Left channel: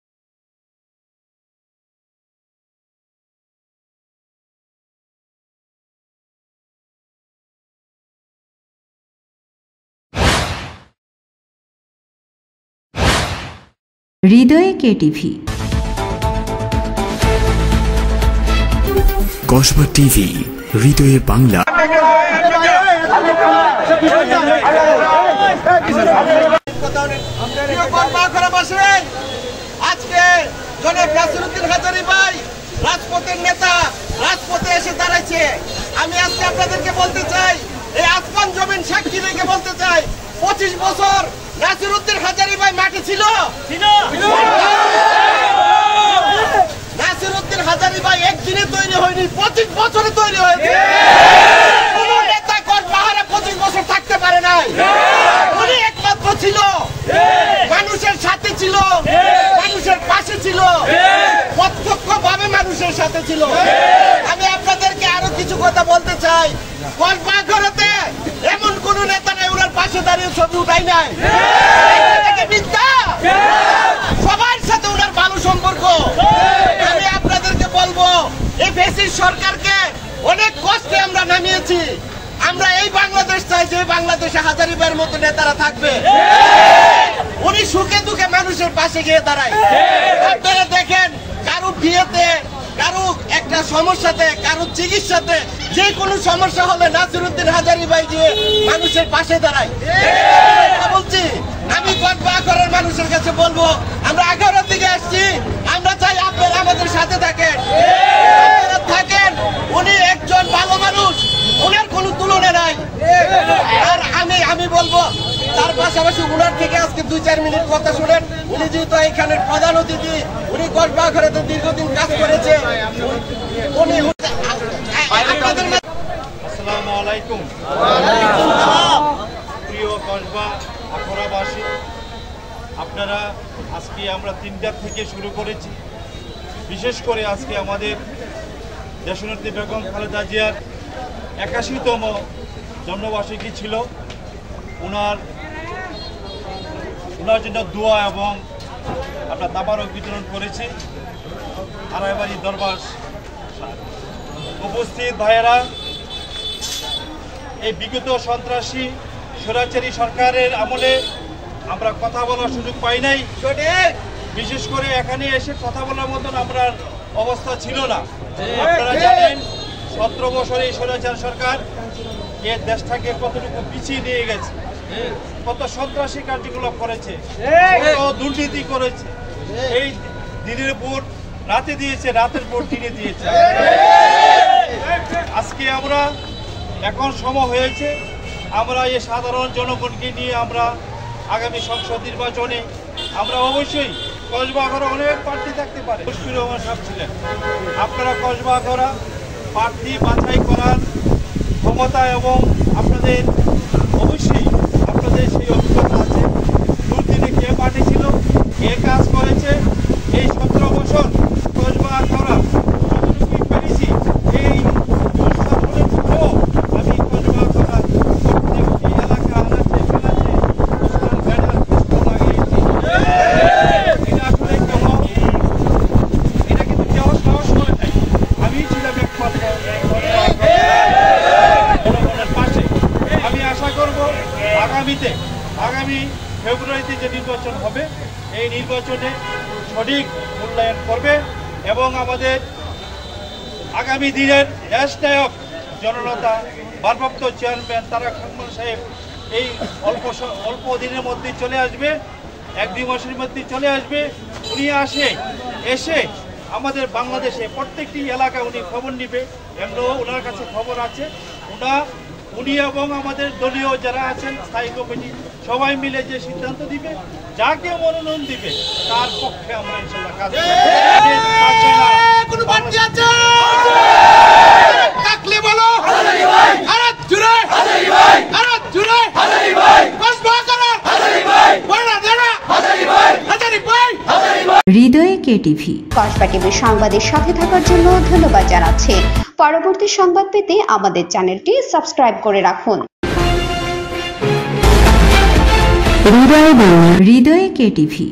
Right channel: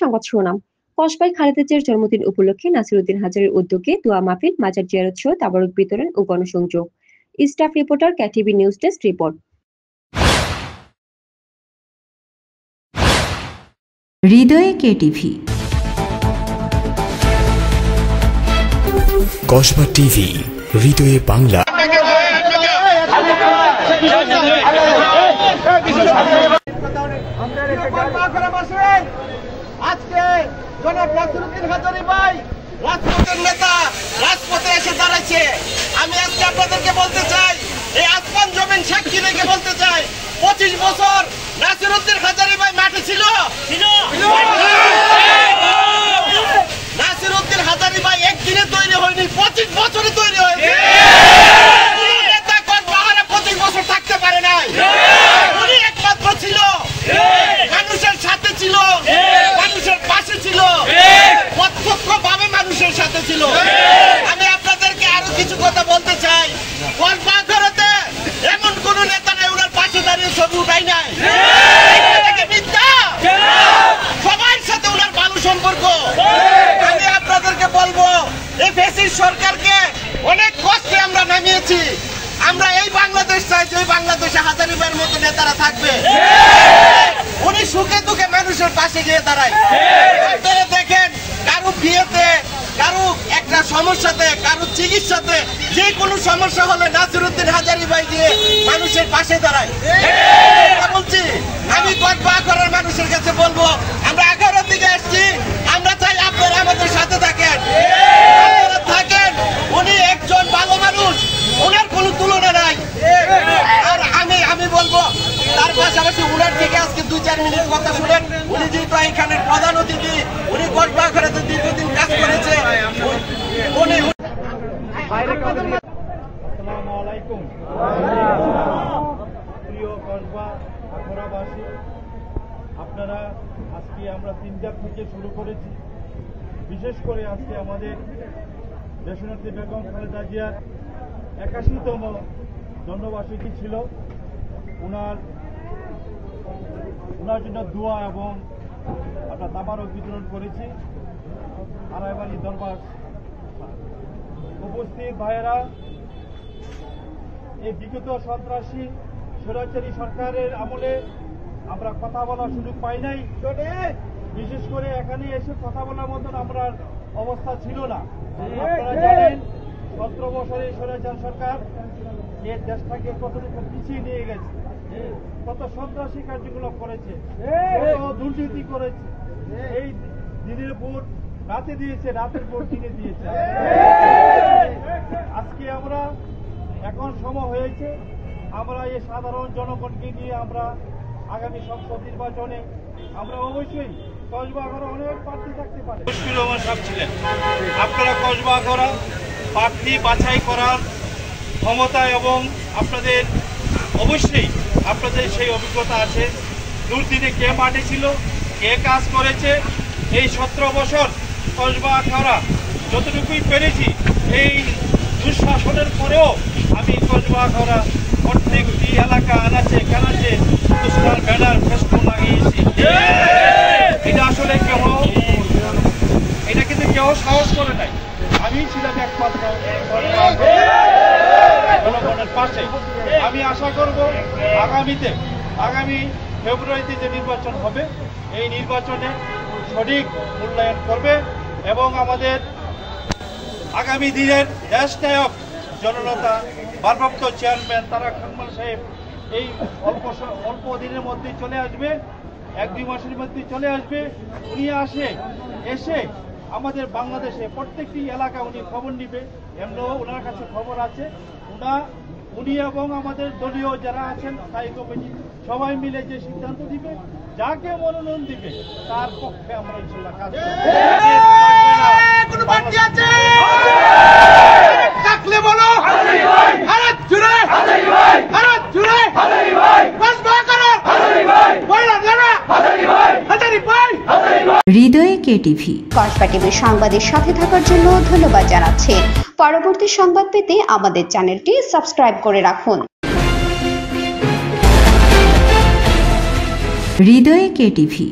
সংবাদ শিরোনাম। কসবায় খালেদা জিয়ার জন্মদিন উপলক্ষে নাসিরউদ্দিন হাজারীর উদ্যোগে দোয়া মাহফিল, মাজার জিয়ারত সহ তাবারুক বিতরণ ও গণসংযোগ। Staff reporter, KTV news desk report. হৃদয়ে কেটিভি। কসবা টিভি, হৃদয়ে বাংলা। আজকে জনাব নাসিরউদ্দিন হাজারী ভাই রাজপথের নেতা রাজপথে এসে দাঁড়াইছে। আমি আজকে আপনাদেরকে বলতে চাই, এই আসমান জমিন সাক্ষী রেখে বলতে চাই, 25 বছর নাসিরউদ্দিন হাজারী ভাই মাঠে ছিল। নাসিরউদ্দিন হাজারী ভাই একদিনে তৈরি হয়নি, 25 বছরে তৈরি হয়েছে। কোন নেতা কসবাহারে 25 বছর থাকতে পারে নাই। উনি একমাত্র ছিল, মানুষের সাথে ছিল, মানুষের পাশে ছিল, প্রত্যক্ষভাবে মানুষের সাথে ছিল। আমি আপনাদেরকে আরো কিছু কথা বলতে চাই। কসবাঘরেতে এমন কোন নেতা নাই ওনার পাশে দাঁড়িয়ে ছবি উঠাই নাই। সবার সাথে ওনার ভালো সম্পর্ক। আমি আপনাদেরকে বলবো, এই ফ্যাসিস্ট সরকারকে অনেক কষ্টে আমরা নামিয়েছি। আমরা এই বাংলাদেশ চাই যে বাংলাদেশে হাজারী ভাইয়ের মতো নেতারা থাকবে। উনি সুখে দুঃখে মানুষের পাশে গিয়ে দাঁড়ায়। আপনারা দেখেন, কারো বিয়েতে, কারো একটা সমস্যাতে, কারো চিকিৎসাতে, যে কোনো সমস্যা হলে নাসিরউদ্দিন হাজারী ভাই গিয়ে মানুষের পাশে দাঁড়ায়। বলছি, আমি কসবাঘরের মানুষের কাছে বলবো, আমরা 11 দিকে আসছি, আমরা চাই আপনারা আমাদের সাথে থাকেন। আপনারা থাকেন। উনি একজন ভালো মানুষ, ওনার কোনো তুলনা নাই। আর আমি বলবো, তার পাশাপাশি ওনার থেকে আজকে 2-4 মিনিট কথা শুনেন। উনি যেহেতু এখানের প্রধান অতিথি, উনি কসবাঘরেতে দীর্ঘদিন কাজ করেছে। উনি আসসালামু আলাইকুম। প্রিয় কসবা আখড়াবাসী, আপনারা আজকে আমরা 3টার থেকে শুরু করেছি। বিশেষ করে আজকে আমাদের দেশনেত্রী বেগম খালেদা জিয়ার 81তম জন্মবার্ষিকী ছিল। ওনার জন্য দোয়া এবং আমরা তাবারক বিতরণ করেছি। আড়াইবাড়ি দরবার উপস্থিত ভাইয়েরা, এই বিগত সন্ত্রাসী স্বৈরাচারী সরকারের আমলে আমরা কথা বলার সুযোগ পাই নাই। বিশেষ করে এখানে এসে কথা বলার মতন আমরা অবস্থা ছিল না। আপনারা জানেন, 17 বছর এই স্বৈরাচার সরকার এই দেশটাকে কতটুকু পিছিয়ে নিয়ে গেছে, কত সন্ত্রাসী কার্যকলাপ করেছে, কত দুর্নীতি করেছে। এই দিনের ভোট রাতে দিয়েছে, রাতের ভোট দিনে দিয়েছে। আজকে আমরা এখন সময় হয়েছে, আমরা এই সাধারণ জনগণকে নিয়ে আমরা আগামী সংসদ নির্বাচনে আমরা অবশ্যই কসবাঘরে অনেক প্রার্থী থাকতে পারে। মুশফিকুর রহমান সাহেব ছিলেন। আপনারা কসবাঘরা প্রার্থী বাছাই করার ক্ষমতা এবং আপনাদের অবশ্যই আপনাদের সেই অভিজ্ঞতা আছে। দুর্দিনে কে মাঠে ছিল, কে কাজ করেছে। এই 17 বছর কসবাঘরা যতটুকুই পেরেছি, এই দুঃশাসনের পরেও আমি কসবাঘরা প্রত্যেকটি এলাকা আনাচে কানাচে সোশ্যাল ব্যানার ফেস্টুন লাগিয়েছি। এটা আসলে এটা কিন্তু কেউ সাহস করে নাই। আমি ছিলাম একমাত্র জনগণের পাশে। আমি আশা করব আগামী ফেব্রুয়ারিতে যে নির্বাচন হবে, এই নির্বাচনে সঠিক মূল্যায়ন করবে এবং আমাদের আগামী দিনের দেশনায়ক জননেতা ভারপ্রাপ্ত চেয়ারম্যান তারেক রহমান সাহেব এই অল্প দিনের মধ্যে চলে আসবে, 1-2 মাসের মধ্যে চলে আসবে। উনি এসে আমাদের বাংলাদেশে প্রত্যেকটি এলাকা উনি খবর নিবে। এমনও ওনার কাছে খবর আছে। উনি এবং আমাদের দলীয় যারা আছেন, স্থায়ী কমিটি, সবাই মিলে যে সিদ্ধান্ত দিবে, যাকে মনোনয়ন দিবে, তার পক্ষে আমরা ইনশাআল্লাহ কাজ করব। হৃদয়ে কেটিভি। কসবা টিভির সংবাদের সাথে থাকার জন্য ধন্যবাদ জানাচ্ছি। পরবর্তী সংবাদ পেতে আমাদের চ্যানেলটি সাবস্ক্রাইব করে রাখুন। হৃদয়ে কেটিভি।